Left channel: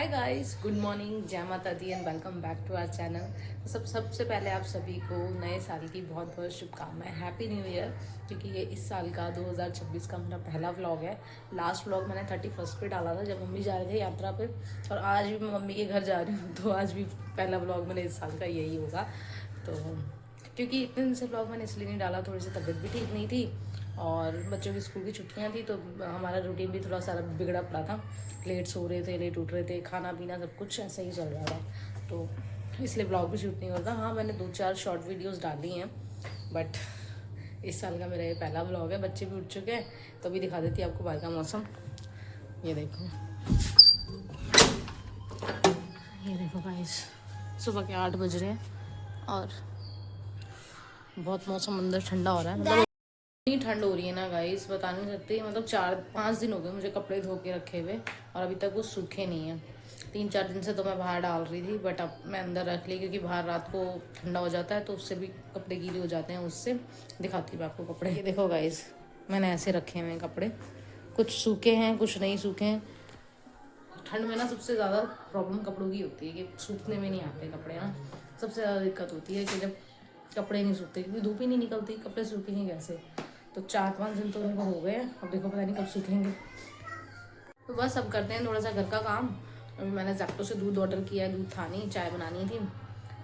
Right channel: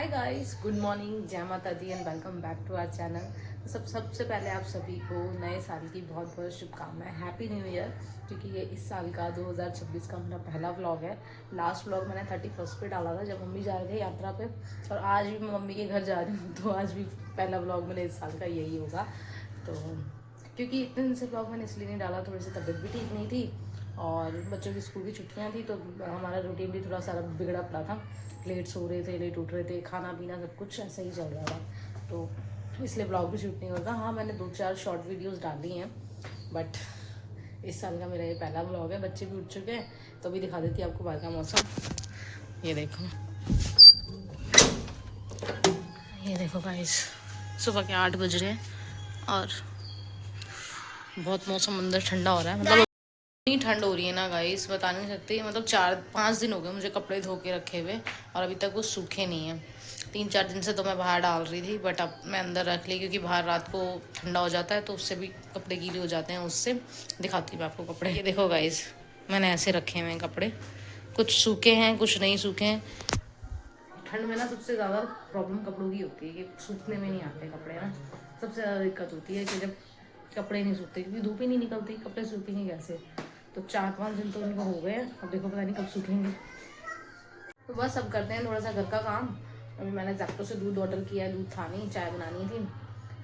Hi guys, good morning, जय माता दी and welcome back to our channel. सबसे पहले आप सभी को नए साल की बहुत बहुत शुभकामनाएं, हैप्पी न्यू ईयर। क्योंकि ये इस साल का 2026 का मेरा पहला व्लॉग है। लास्ट व्लॉग मैंने 31 पे डाला था जब मम्मी जा रहे थे यात्रा पे, और आज भी मैं मम्मी के घर जा रही हूँ, तो आज भी पहला व्लॉग मेरे इस साल का यही होगा। तो क्योंकि इतने दिन से व्लॉग मैंने इसलिए नहीं डाला, थोड़ी सी तबीयत भी ठीक नहीं थी और बच्चों की स्कूल की छुट्टियां थी, तो हमारा रूटीन भी थोड़ा सारा बिगड़ा पड़ा था। लेट सो रहे थे, लेट उठ रहे थे, खाना पीना सब कुछ ऐसा ही चल रहा था, तो इसलिए ब्लॉग भी शूट नहीं होता। हाँ, मैंने 2-4 शॉर्ट वीडियोस डाली हैं, बट इस साल का मेरा ये पहला ब्लॉग है। बच्चे भी उठ चुके हैं, तो अभी दिखा देती हूँ आपको बाहर का मौसम। ये देखो, ये देखो गाइस, सुबह के 8 बज रहे हैं और बहुत मौसम अंदर ठंडा हो रहा है। मतलब इतनी ठंड हो रही है ना गाइस, बता नहीं सकती। मतलब 4-5 दिन हो गए मुझे कपड़े धो के रखे हुए और अभी तक वो सूखे नहीं हैं। 3-4 दिन से तो मैं बाहर डाल रही थी, बट अब मैं अंदर रख ली क्योंकि बाहर रात को ठंडा हो जाता है, तो उससे भी कपड़े गीले हो जाते हैं। उससे दिखाती हूँ आपको कपड़े। ये देखो गाइस, मैंने ऐसे रखे हुए हैं कपड़े, कुछ सूखे हैं कुछ नहीं सूखे हैं। ठंड में ना सबसे ज़्यादा प्रॉब्लम कपड़ों की होती है कि सूखने में नहीं आते कपड़े ना। सबसे ज़्यादा दिक्कत होती है कि जब कपड़े नहीं सूखते, क्योंकि धूप ही नहीं निकलती, कपड़े सूखेंगे कैसे। तो 4-5 दिन तो उनको हो गए हैं, अब देखो पता नहीं कब सूखेंगे। तो बस अब करते हैं थोड़ा सा घर का काम। अभी मैंने जैक्टो से दूध ऑर्डर किया है, दूध था नहीं, चाय बनानी थी।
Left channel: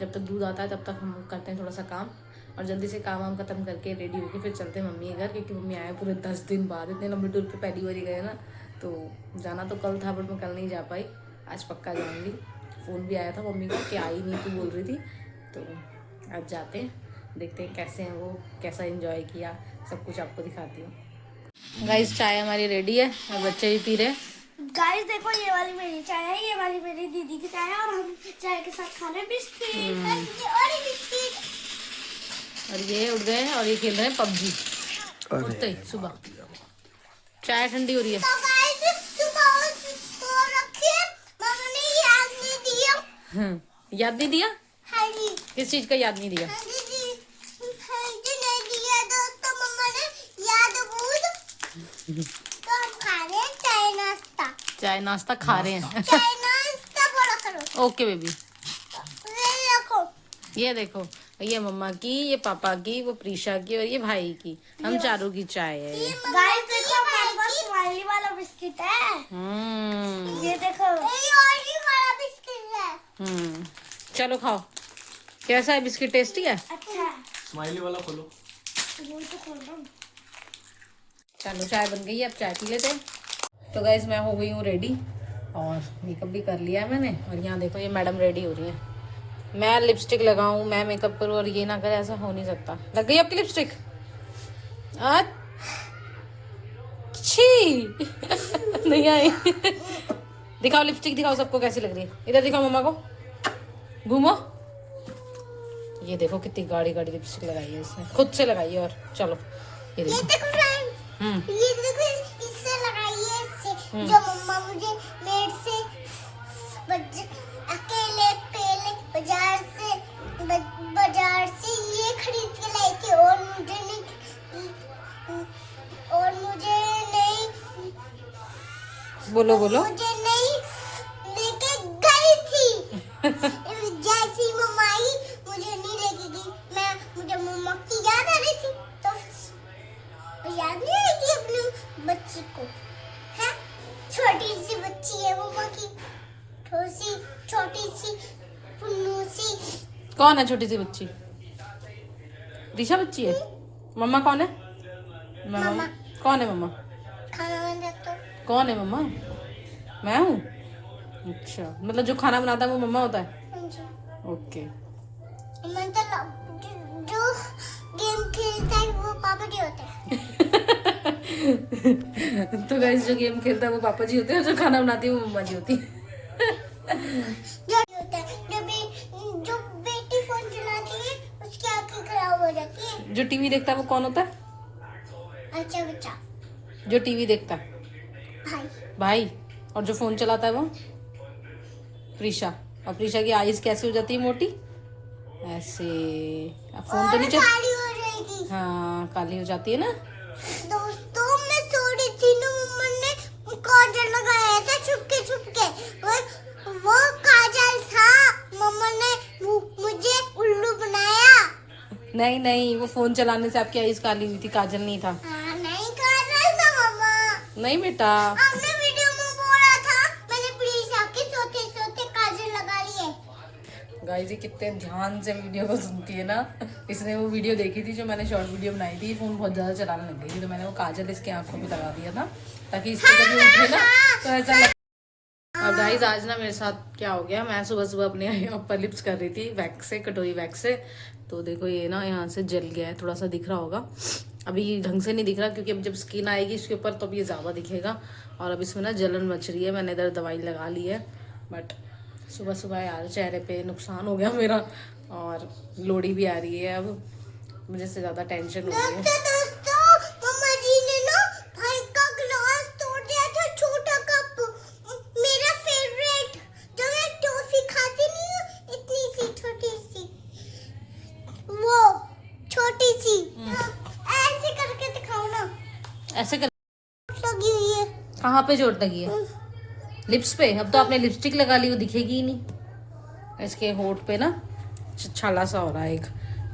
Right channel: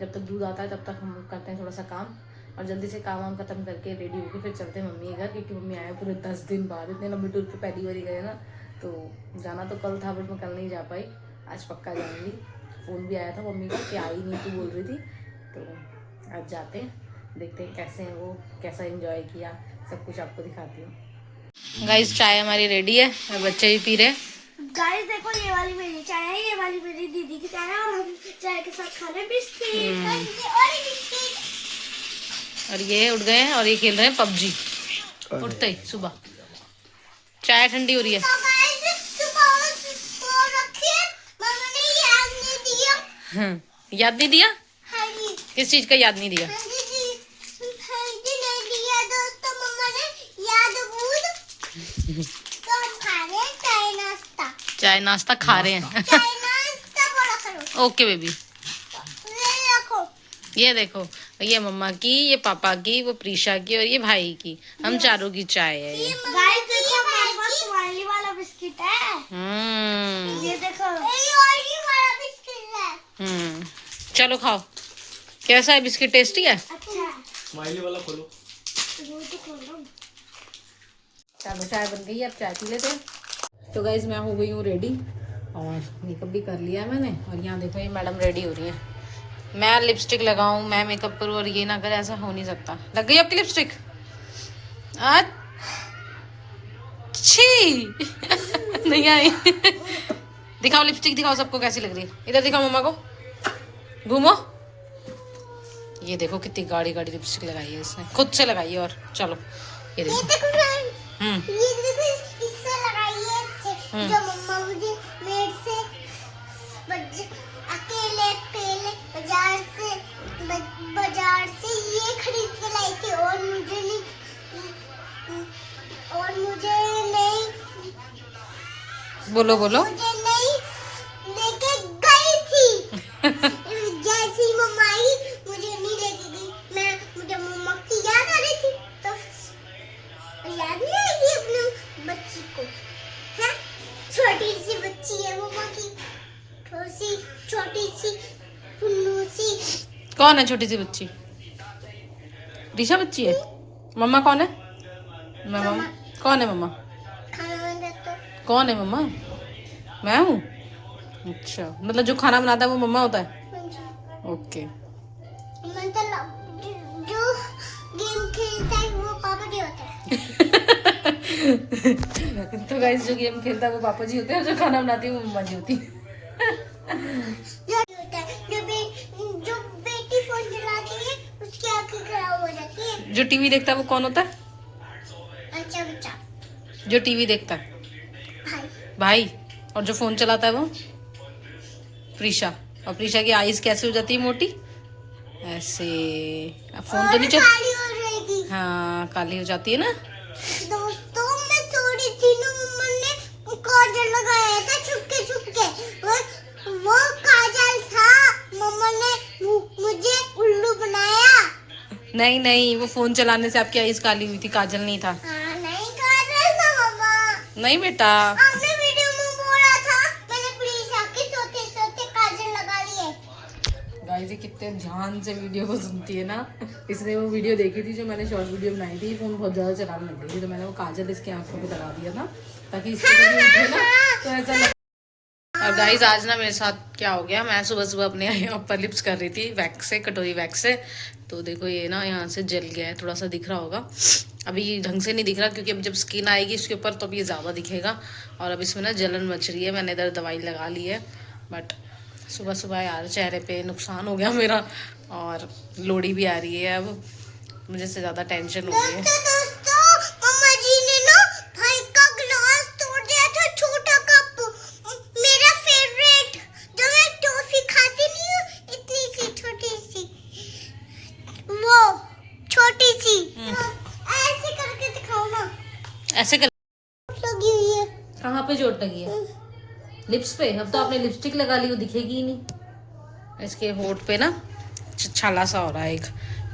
जब तक दूध आता है तब तक हम करते हैं थोड़ा सा काम, और जल्दी से काम वाम खत्म करके रेडी होके फिर चलते हैं मम्मी के घर, क्योंकि मम्मी आए पूरे 10 दिन बाद। इतने लंबे टूर पे पहली बार गए ना, तो जाना तो कल था बट मैं कल नहीं जा पाई, आज पक्का जाऊँगी। फ़ोन भी आया था मम्मी का कि आई नहीं, तू बोल रही थी, तो आज जाते हैं, देखते हैं कैसे हैं वो, कैसा एंजॉय किया, सब कुछ आपको दिखाती हूँ। गाइस, चाय हमारी रेडी है और बच्चे भी पी रहे हैं। गाइस देखो, ये वाली मेरी चाय है, ये वाली मेरी दीदी की चाय है, और हम चाय के साथ खा रहे हैं बिस्किट और बिस्किट। और ये उठ गए हैं और ये खेल रहे हैं पबजी उठते ही सुबह। चाय ठंडी हो रही है। तो गाइस सुबह सो रखिए, मम्मा ने याद नहीं दिया। याद नहीं दिया? हाँ जी। किस चीज का याद नहीं दिया? हाँ जी नहीं दिया दोस्तों, मम्मा ने याद भूल। तो हम खा रहे हैं चाय नाश्ता। चाय नाश्ता खा रहे हैं। चाय नाश्ता बोला करो। Okay baby. ये देखो, ये मम्मा की, ये पापा की, वो प्रीशा की और ये भाई की, हम चारों की चाय है ये। गाइस देखो, हमारे पास स्माइली वाला बिस्किट है। ये देखो, ये वाला बिस्किट है। चलो खाओ। कैसा है बिस्किट? टेस्टी है? अच्छा, स्माइली वाला खोलो। ये तो खोलो। चलो चाय बन गई है, अब चाय पी लेते हैं। तो गाइज मैं हो गई हूँ रेडी और मेकअप भी कर लिया है मैंने, और यहाँ देखो ये मैडम रेडी हो रही है। मैं लिपस्टिक लगाऊं, मैं मेकअप करूँ और ये ना करे, ऐसा हो नहीं सकता। लग गई आपकी लिपस्टिक? अच्छी नहीं आई। दिखाओ लिपस्टिक, दिखाओ सबको कैसी लग रही है। इधर दिखाओ मम्मा को, घूमो। ये देखो कितनी गाढ़ी गाढ़ी लिपस्टिक लगाई है इसने, खुद से लगाई है। और चलो ये देखो, ये देखो, इससे लगाई है, इससे जो मम्मा मुझे मेड से अकेले पहले बाजार से ये खरीद के लाई थी, और मुझे नहीं बोलो बोलो। मुझे नहीं लेके गई थी। जैसे ही मम्मा आई, मुझे नहीं लेके गई। मुझे मम्मा की याद आ रही थी, तो याद नहीं आएगी अपनी बच्ची को? है, छोटी सी बच्ची है मम्मा की, छोटी सी पुन्नू सी। कौन है छोटी सी बच्ची? ऋषा बच्ची है? मम्मा कौन है? मम्मा कौन है? मम्मा खाना बना तो कौन है? मम्मा मैं हूँ। अच्छा, मतलब जो खाना बनाता है वो मम्मा होता है? ओके। मतलब जो गेम खेलता है वो पापा जी होते हैं। तो गाइस, जो गेम खेलता है वो पापा जी होते हैं और जो खाना बनाती है वो मम्मा जी होती है। जो बेटी फोन चलाती है उसकी आंखें खराब हो जाती है। जो टीवी देखता है वो कौन होता है? अच्छा बच्चा, जो टीवी देखता है भाई। भाई। और जो फोन चलाता है वो? प्रीशा। और प्रीशा की आईज कैसे हो जाती है मोटी? ऐसे। फोन तो नहीं चल, काली हो जाएगी। हाँ काली हो जाती है ना। दोस्तों मैं सो रही थी ना, मम्मा ने काजल लगाया था छुपके छुपके, नहीं नहीं, वो फोन चलाने से आपकी आईज काली हुई थी, काजल नहीं था। हाँ, नहीं कर रहा था मम्मा। नहीं बेटा, आपने वीडियो में बोला था, मैंने प्लीज आपके सोते सोते काजल लगा लिए। गाइस ये कितने ध्यान से वीडियो को सुनती है ना। इसने वो वीडियो देखी थी जो मैंने शॉर्ट वीडियो बनाई थी, फोन बहुत ज्यादा चलाने लग गई थी, तो मैंने वो काजल इसकी आंखों पे लगा दिया था ताकि इसको कभी उठे ना तो ऐसा लगे। और गाइस आज ना मेरे साथ क्या हो गया, मैं सुबह सुबह अपने अपर लिप्स कर रही थी वैक्स से, कटोरी वैक्स से, तो देखो ये ना यहाँ से जल गया है, थोड़ा सा दिख रहा होगा। अभी ढंग से नहीं दिख रहा क्योंकि अब जब स्किन आएगी इसके ऊपर तो अब ये ज़्यादा दिखेगा। और अब इसमें ना जलन मच रही है, मैंने इधर दवाई लगा ली है, बट सुबह सुबह यार चेहरे पे नुकसान हो गया मेरा, और लोड़ी भी आ रही है, अब मुझे से ज़्यादा टेंशन हो गई है। दोस्तों मम्मा जी ने ना भाई का ग्लास तोड़ दिया था, छोटा कप, मेरा फेवरेट, जो मैं टॉफी खाती नहीं हूँ, इतनी सी छोटी सी, वो छोटी सी, ऐसे करके दिखाओ ना। ऐसे कर, लगी हुई है। कहाँ पे चोट लगी है? लिप्स पे। अब तो आपने लिपस्टिक लगा ली, वो दिखेगी ही नहीं। इसके होठ पे ना छाला सा हो रहा है एक,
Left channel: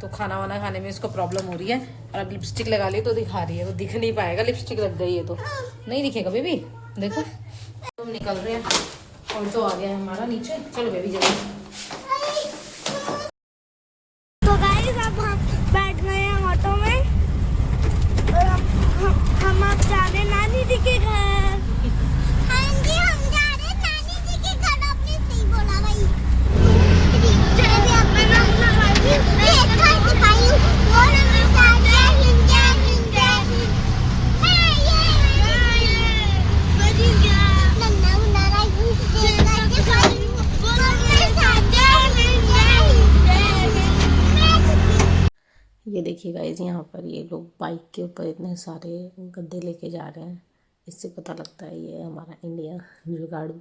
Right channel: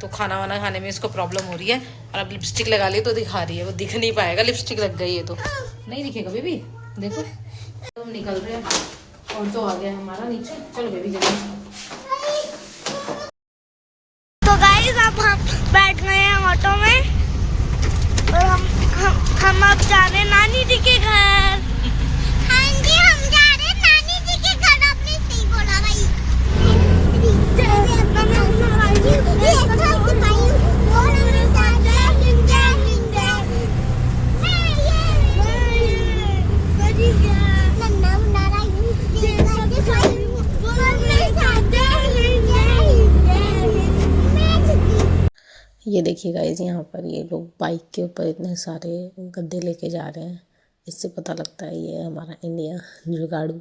तो खाना वाना खाने में इसको प्रॉब्लम हो रही है, और अब लिपस्टिक लगा ली तो दिखा रही है, वो दिख नहीं पाएगा, लिपस्टिक लग गई है तो नहीं दिखेगा बेबी। देखो तो हम निकल रहे हैं, और तो आ गया है हमारा नीचे, चलो बेबी जल्दी। तो गाइस अब हम बैठ गए हैं ऑटो में, और हम अब जा रहे हैं नानी जी के घर। हाँ जी, हम जा रहे हैं नानी जी के घर। आपने सही बोला भाई। चलिए अपना नाम लगाइए, एक हाथ दिखाइए, और हमें साथ है हिंजे हिंजे मैं ये बड़ी जा नन्ना नारा यू जगह के भाई, और मेरे साथ है हिंजे हिंजे। ये देखिए गाइस, यहाँ पर ये लोग बाइक के ऊपर इतने सारे गद्दे लेके जा रहे हैं, इससे पता लगता है ये हमारा इंडिया जुगाड़ू,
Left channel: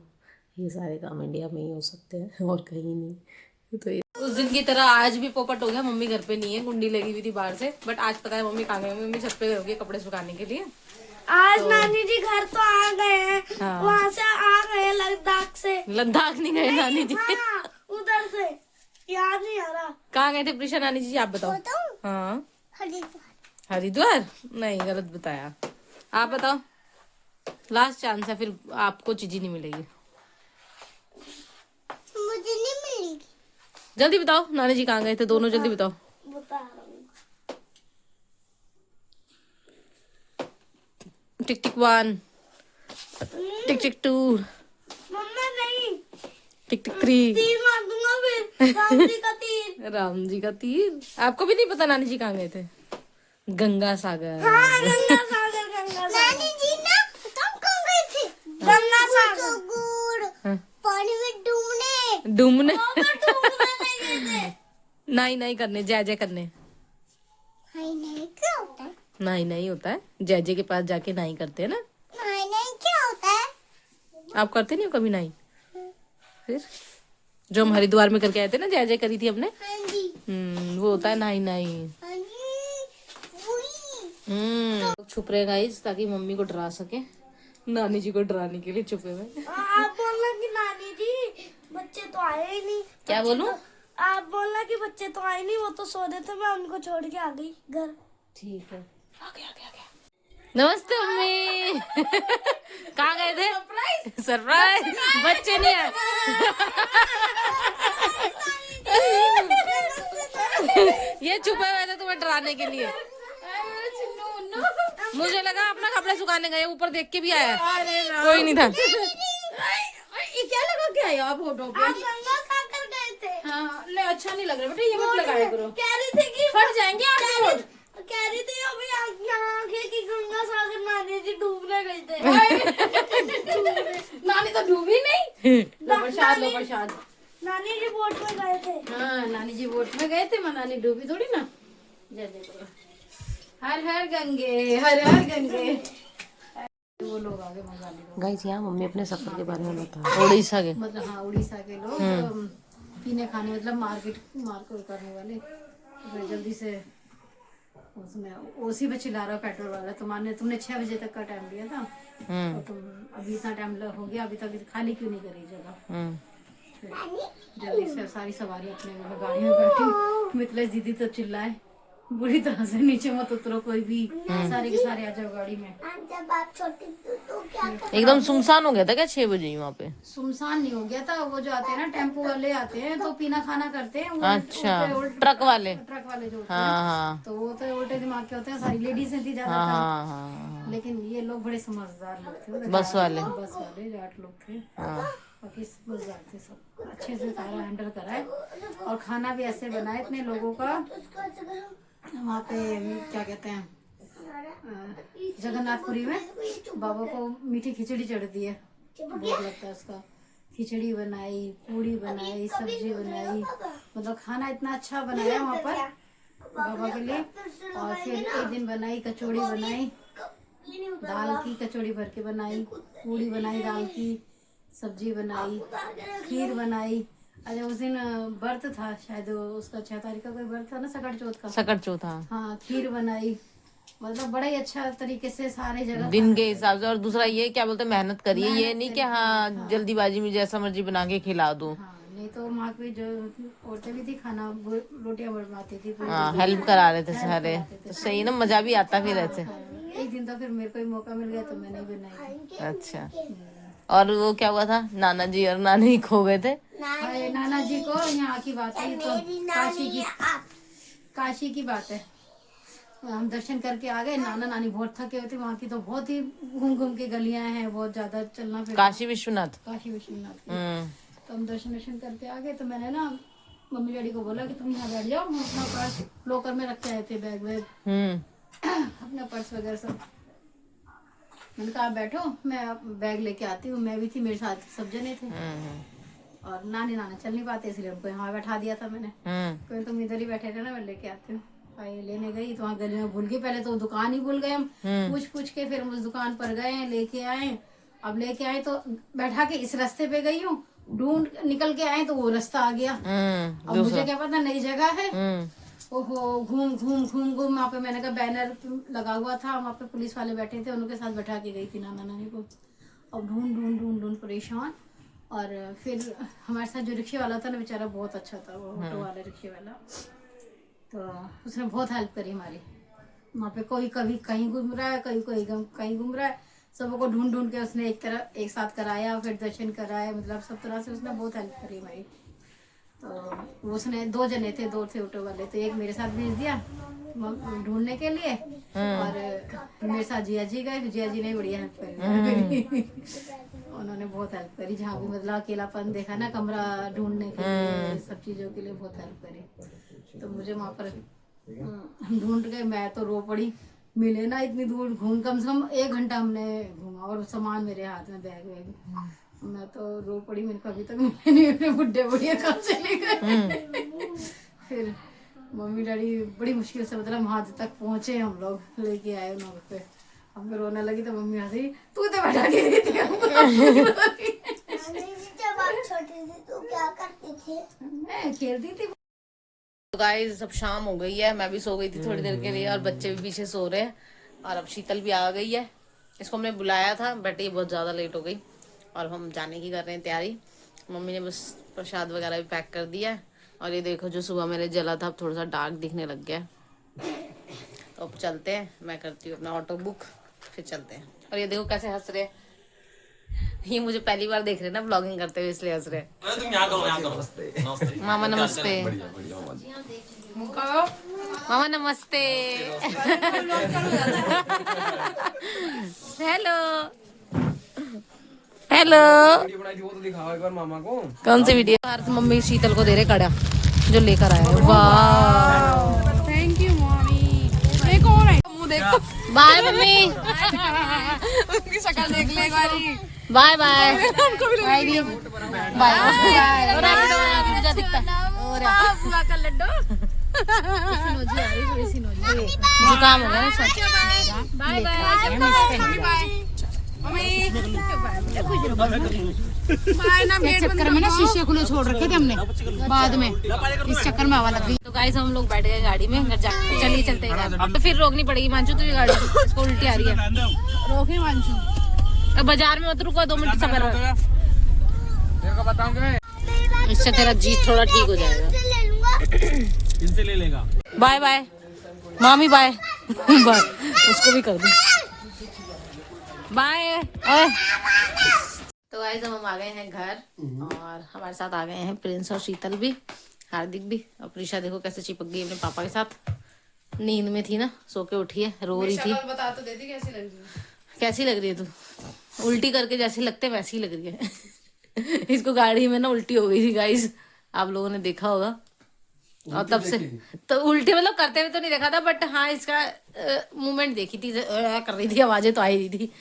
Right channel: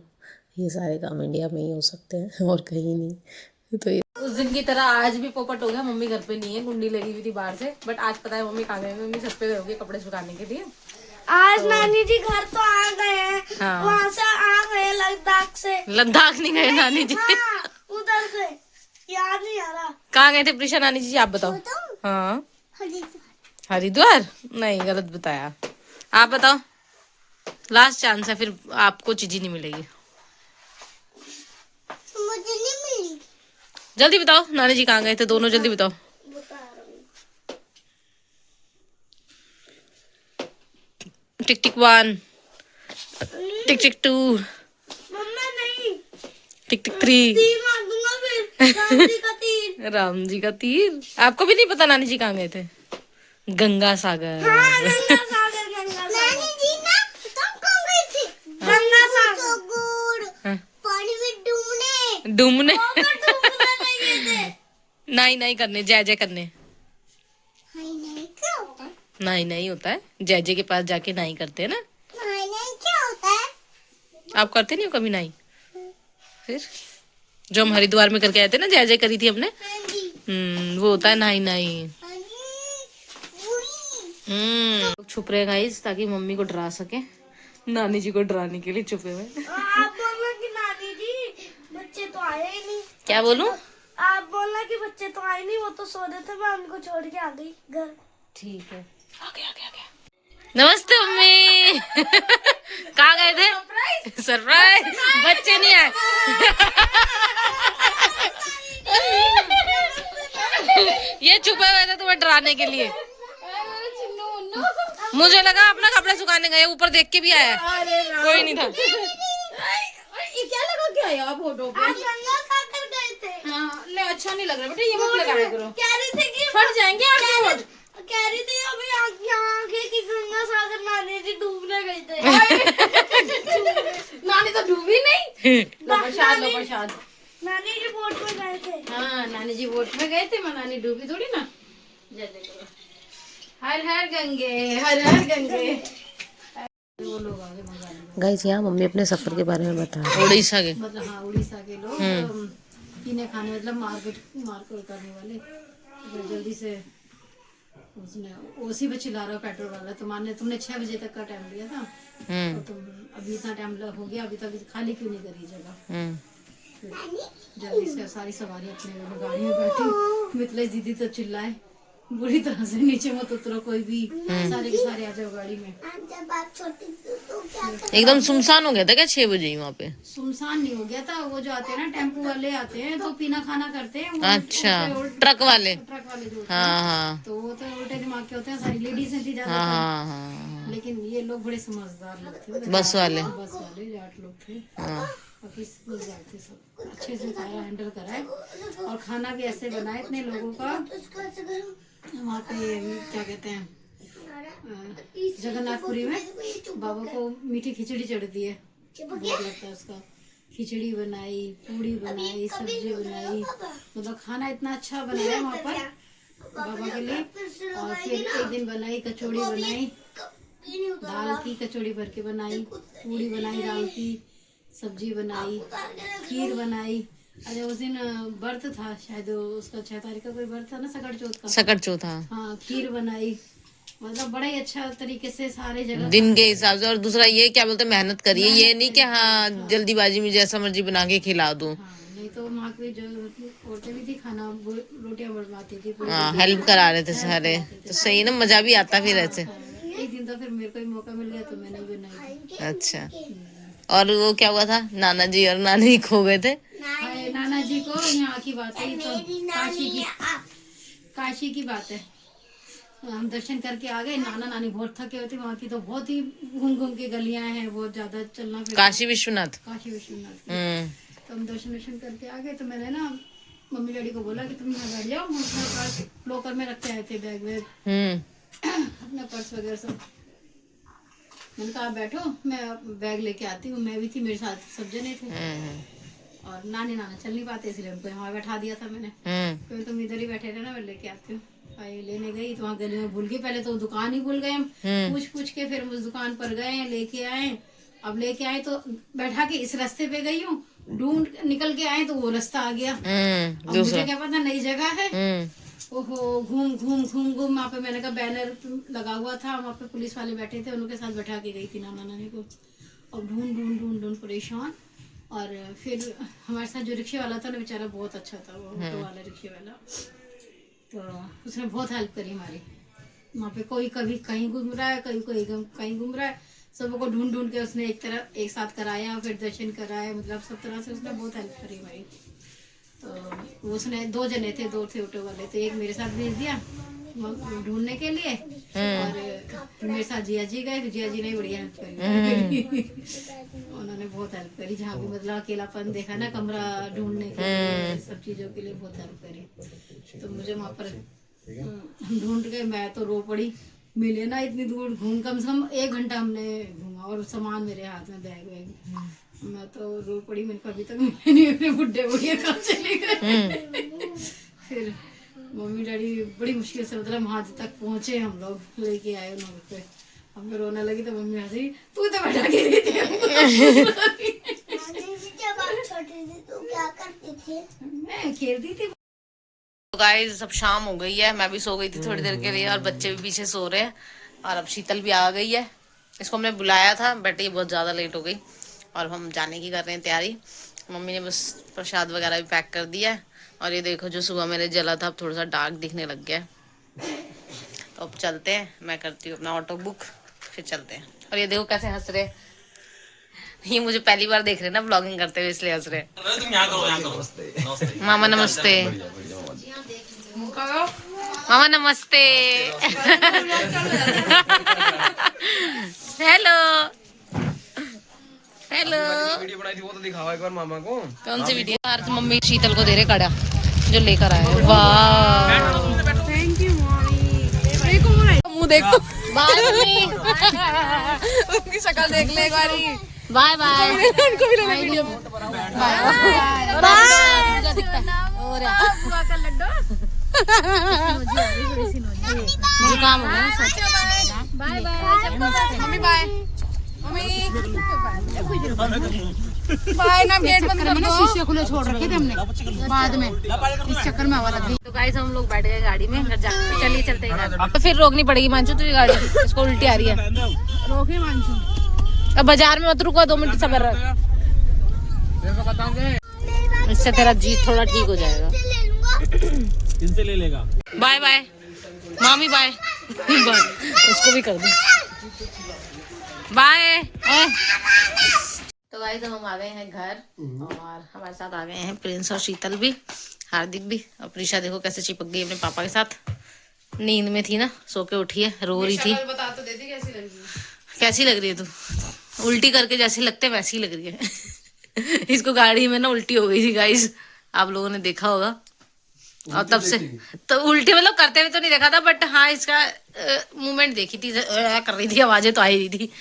ये सारे काम इंडिया में ही हो सकते हैं और कहीं नहीं। तो ये उस दिन की तरह आज भी पोपट हो गया, मम्मी घर पे नहीं है, कुंडी लगी हुई थी बाहर से, बट आज पता है मम्मी कहाँ गई, मम्मी छत पे होगी कपड़े सुखाने के लिए। आज तो नानी जी घर तो आ गए हैं, हाँ। वहाँ से आ गए लद्दाख से। लद्दाख नहीं गए नानी जी। हाँ, उधर से याद नहीं आ रहा। कहाँ गए थे प्रीशा नानी जी, आप बताओ। हाँ हरिद्वार, नहीं गलत बताया, आप बताओ। लास्ट चांस है, फिर आपको चीज़ नहीं मिलेगी। मुझे नहीं मिली। जल्दी बताओ नानी जी कहाँ गए थे दोनों, जल्दी बताओ। बता रहा हूँ। टिक टिक 1, टिक टिक 2, मम्मा नहीं, टिक टिक 3। तीर मार दूंगा फिर, गांधी का तीर। राम जी का तीर। आपको भी नहीं पता नानी जी कहाँ गए थे? गंगा सागर। हाँ, गंगा सागर, गंगा सागर। नानी जी ना तुम कहाँ गई थी? गंगा सागर। हाँ। पानी में डूबने। डूबने। डूबने नहीं गए थे। नहीं नहीं करने, जय जय करने। हाय नहीं क्या होता है? नहीं नहीं होता है, जय जय के पास जाके नहीं करते हैं ना। हाय नहीं क्या होता है? आप करते नहीं हो कभी नहीं? फिर जो हम हरिद्वार में करके आए थे ना, जय जय करी थी हमने, हाँ जी। वो होता है नहीं नहीं। हाँ जी। वही। छुप रहे गाइस ताकि मम्मी को डरा सके, नानी जी को डराने के लिए छुपे हुए। आप बोलना कि नानी जी बच्चे तो आए ही नहीं। क्या बोलूं? आप बोलना कि बच्चे तो आए नहीं, वो तो सो रहे थे, मैं उनको छोड़ के आ गई घर। ठीक है, आ गया। नमस्ते मम्मी। कहाँ गए थे? सरप्राइज। बच्चे नहीं आए। ये छुपे हुए थे तुम्हें डराने के लिए। मुझे लगा अपना कपड़े सुखाने गए, ऊपर देख के भी आया, कोई नहीं था। क्या लगा के आए आप फोटो पे? गंगा सागर गए थे। हाँ, नहीं अच्छा नहीं लग रहा बेटा, ये मत लगाया करो, कह रही थी कि फट जाएंगे आपके होठ। कह रही थी अभी आंखें की गंगा सागर नानी जी डूबने गए थे। नानी तो डूबी नहीं। लो प्रसाद। नानी जी बोट में गए थे। हाँ नानी जी बोट में गए थे, मैं नानी डूबी थोड़ी ना। जय देखो, हर हर गंगे, हर हर गंगे। वो लोग आगे गाइस, यहाँ मम्मी अपने सफर के बारे में बता, उड़ीसा के, मतलब हाँ उड़ीसा के लोग पीने खाने, मतलब मार्केट उतरने वाले, तो जल्दी से उसने उसी पे चिल्ला रहा पेट्रोल वाला, तुमने 6 बजे तक का टाइम दिया था, तो तुम अभी इतना टाइम हो गया, अभी तक खाली क्यों नहीं करी जगह। फिर जल्दी से सारी सवारी अपने गाड़ी में बैठी, मिथिलेश दीदी तो चिल्लाए बुरी तरह से नीचे मत उतरो कोई भी, सारे के सारे आ जाओ गाड़ी में। जब आप छोटी थी तो क्या कर एकदम सुनसान हो गया था क्या 6 बजे ही वहाँ पे? सुनसान नहीं हो गया था, वो जो आते हैं ना टेम्पो वाले आते हैं तो पीना खाना करते हैं वो, अच्छा, ट्रक वाले। ट्रक वाले जो होते हैं, हाँ हाँ तो वो तो उल्टे दिमाग के होते हैं, सारी लेडीज थी ज्यादा। हाँ हाँ, लेकिन ये लोग बड़े समझदार लोग थे, बस वाले। बस वाले 8 लोग थे, हाँ। बाकी समझदार थे सब, अच्छे से सारा हैंडल करा है। और खाना भी ऐसे बना है इतने लोगों का। वहाँ पे क्या कहते हैं जगन्नाथपुरी में बाबा को मीठी खिचड़ी चढ़ती है, बहुत लगता है उसका। खिचड़ी बनाई, पूड़ी बनाई, सब्जी बनाई, मतलब खाना इतना अच्छा बनाया वहाँ पर बाबा के लिए। और फिर एक दिन बनाई कचौड़ी, बनाई दाल की कचौड़ी भर के बनाई, पूड़ी बनाई दाल की, सब्जी बनाई, खीर बनाई। अरे उस दिन व्रत था शायद, उसका 6 तारीख का कोई व्रत था ना, सकट चौथ का। सकट चौथा। हाँ, खीर बनाई, मतलब बड़ा ही अच्छा तरीके से सारे जगह दिन के हिसाब से। और दूसरा ये क्या बोलते हैं, मेहनत करिए, ये नहीं कि हाँ जल्दीबाजी में जैसा मर्जी बना के खिला दूं। हाँ, नहीं तो माँ की जो होटल थी खाना वो रोटियां बनवाती थी, हाँ, हेल्प करा रहे थे सारे, तो सही ना, मजा भी आता फिर ऐसे। एक दिन तो फिर मेरे को ही मौका मिल गया तो मैंने बनाई थी। अच्छा, और वो क्या हुआ था, नाना जी और नानी खो गए थे? अरे नाना जी को यहाँ की बात है, तो काशी की बात है। हम दर्शन करके आ गए, नाना नानी बहुत थके हुए थे, वहाँ की तो बहुत ही घूम घूम के गलियां हैं, बहुत ज्यादा चलना फिरना। काशी विश्वनाथ। काशी विश्वनाथ की। तो हम दर्शन करके आ गए, तो मैंने ना मम्मी डैडी को बोला कि तुम यहाँ बैठ जाओ, हम अपना पर्स लॉकर में रख के आए थे, बैग वैग अपना पर्स वगैरह सब। मैंने कहा आप बैठो, मैं बैग लेके आती हूँ। मैं भी थी, मेरे साथ सब जने थे। और नानी नाना चल नहीं पाते, इसलिए हमको यहाँ बैठा दिया था मैंने। क्योंकि तुम इधर ही बैठे थे ना, मैं लेके आती हूँ। लेने गई तो वहाँ गली में भूल गई, पहले तो दुकान ही भूल गए हम। पूछ के फिर उस दुकान पर गए, लेके आए। अब लेके आए तो बैठा के इस रास्ते पे गई हूँ, ढूंढ निकल के आए तो वो रास्ता आ गया। अब मुझे क्या पता नई जगह है। ओहो, घूम घूम घूम घूम वहाँ पे मैंने कहा बैनर लगा हुआ था, वहाँ पे पुलिस वाले बैठे थे, उनके साथ बैठा के गई थी नाना नानी को। अब ढूंढ ढूंढ ढूंढ ढूंढ परेशान। और फिर हमारे साथ जो रिक्शे वाला था ना, बेचारा बहुत अच्छा था, वो ऑटो वाला रिक्शे वाला, तो उसने बहुत हेल्प करी हमारी। वहाँ पे कोई कभी कहीं घूम रहा है, कोई कहीं घूम रहा है, सबको ढूंढ ढूंढ के उसने एक साथ कराया, फिर दर्शन कराया, मतलब सब तरह से उसने बहुत हेल्प करी हमारी। तो उसने 2 जने थे, 2 थे ऑटो वाले, तो एक मेरे साथ भेज दिया ढूंढने के लिए, और मेरे साथ जिया जी गए, तो जिया जी ने बढ़िया हेल्प करी। उन्होंने बहुत हेल्प करी, जहाँ भी मतलब अकेलापन देखा ना, कमरा ढूंढने के लिए, सब चीजों के लिए बहुत हेल्प करी। तो मुझे वहाँ पर ढूंढ के मैं तो रो पड़ी, मिले ना इतनी दूर घूम, कम से कम 1 घंटा हमने घूमा, और सामान मेरे हाथ में, बैग वैग, मैं तो रो पड़ी। मैंने कभी तक मिले नहीं, अपने बुढ़े बुढ़िया कहाँ चले गए। फिर मम्मी डैडी बड़ी मुश्किल से मतलब वहां तक पहुंचे, हम लोग लेके आए उन्होंने पे। अब मैं रोने लगी तो मम्मी हंसी, तू तो बैठा के गई थी। जब आप छोटी थी तो क्या करती थी? मैं खेलती थी। तो गाइस अब शाम हो गई है, मैं भी सो गई थी थोड़ी देर के लिए, और बच्चे भी पीछे सो रहे हैं, और अब शीतल भी आ गई है। इसको हमने बुलाया था बट ये बहुत ज़्यादा लेट हो गई, और हम जाने की कर रहे हैं तैयारी। मम्मी ने बस प्रसाद वगैरह भी पैक कर दिया है, और ये देखो जो सुबह मैंने जला था अब थोड़ा सा डार्क दिखने लग गया है। तो अब चलते हैं, मैं करती हूँ अपना ऑटो बुक, फिर चलते हैं। और ये देखो कैसे हंस रहे, ये मुझे पहली बार देख रहे हैं ना ब्लॉगिंग करते हुए, इसलिए हंस रहे। मामा नमस्ते। मामा नमस्ते। Hello hello. वीडियो बनाई थी वो तो दिखाओ एक बार मामा को। कौन सी वीडियो? यार मम्मी शीतल को दे रहे कड़ा जो लेकर आए। वाह, थैंक यू मम्मी। ये कौन है? मुंह देखो। Bye mummy. उसकी शक्ल देख ले एक बारी। Bye bye. उनको भी ले बाय। बुआ का लड्डू। जुकाम हो गया ना सच। Bye bye mummy, bye mummy, bye ना। गेट बंद कर, शीशे खुले छोड़ रखे थे हमने बाद में, इस चक्कर में हवा लग गई। तो गाइस हम लोग बैठ गए गाड़ी में, घर जाके चलिए चलते हैं घर। अब तो फिर रोकनी पड़ेगी मानसू, तुझे गाड़ी इसको उल्टी आ रही है। रोके मानसू, अब बाजार में मत रुको, 2 मिनट सबर रख, इससे तेरा जी थोड़ा ठीक हो जाएगा। इनसे ले लेगा। Bye bye. मामी बाय बाय, उसको भी कर दूं बाय। तो गाइस अब हम आ गए हैं घर और हमारे साथ आ गए हैं प्रिंस और शीतल भी, हार्दिक भी। और प्रीशा देखो कैसे चिपक गई अपने पापा के साथ, नींद में थी ना, सो के उठी है, रो रही थी। बता तो देती कैसी लग रही है। कैसी लग रही है तू? उल्टी करके जैसी लगते वैसी ही लग रही है। इसको गाड़ी में ना उल्टी हो गई थी गाइस, आप लोगों ने देखा होगा। और तब से तो उल्टी मतलब करते हुए तो नहीं देखा था, बट हाँ इसका मूवमेंट देखी थी, कर रही थी, आवाजें तो आ रही थी।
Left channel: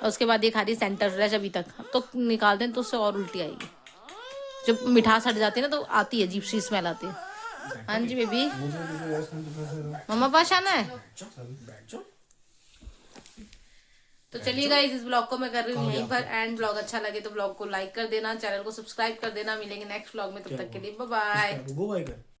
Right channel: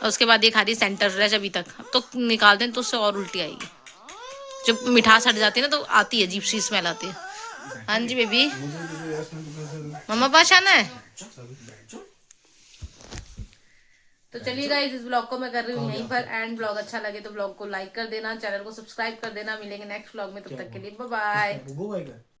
और उसके बाद ये खा रही सेंटर फ्रेश अभी तक। अब तो निकाल दें तो उससे और उल्टी आएगी, जब मिठास हट जाती है ना तो आती है, अजीब सी स्मेल आती है। हाँ जी बेबी, मम्मा पास आना है। तो चलिए गाइस, इस ब्लॉग को मैं कर रही हूँ यहीं पर एंड। ब्लॉग अच्छा लगे तो ब्लॉग को लाइक कर देना, चैनल को सब्सक्राइब कर देना। मिलेंगे नेक्स्ट ब्लॉग में, तब तक के लिए बाय बाय।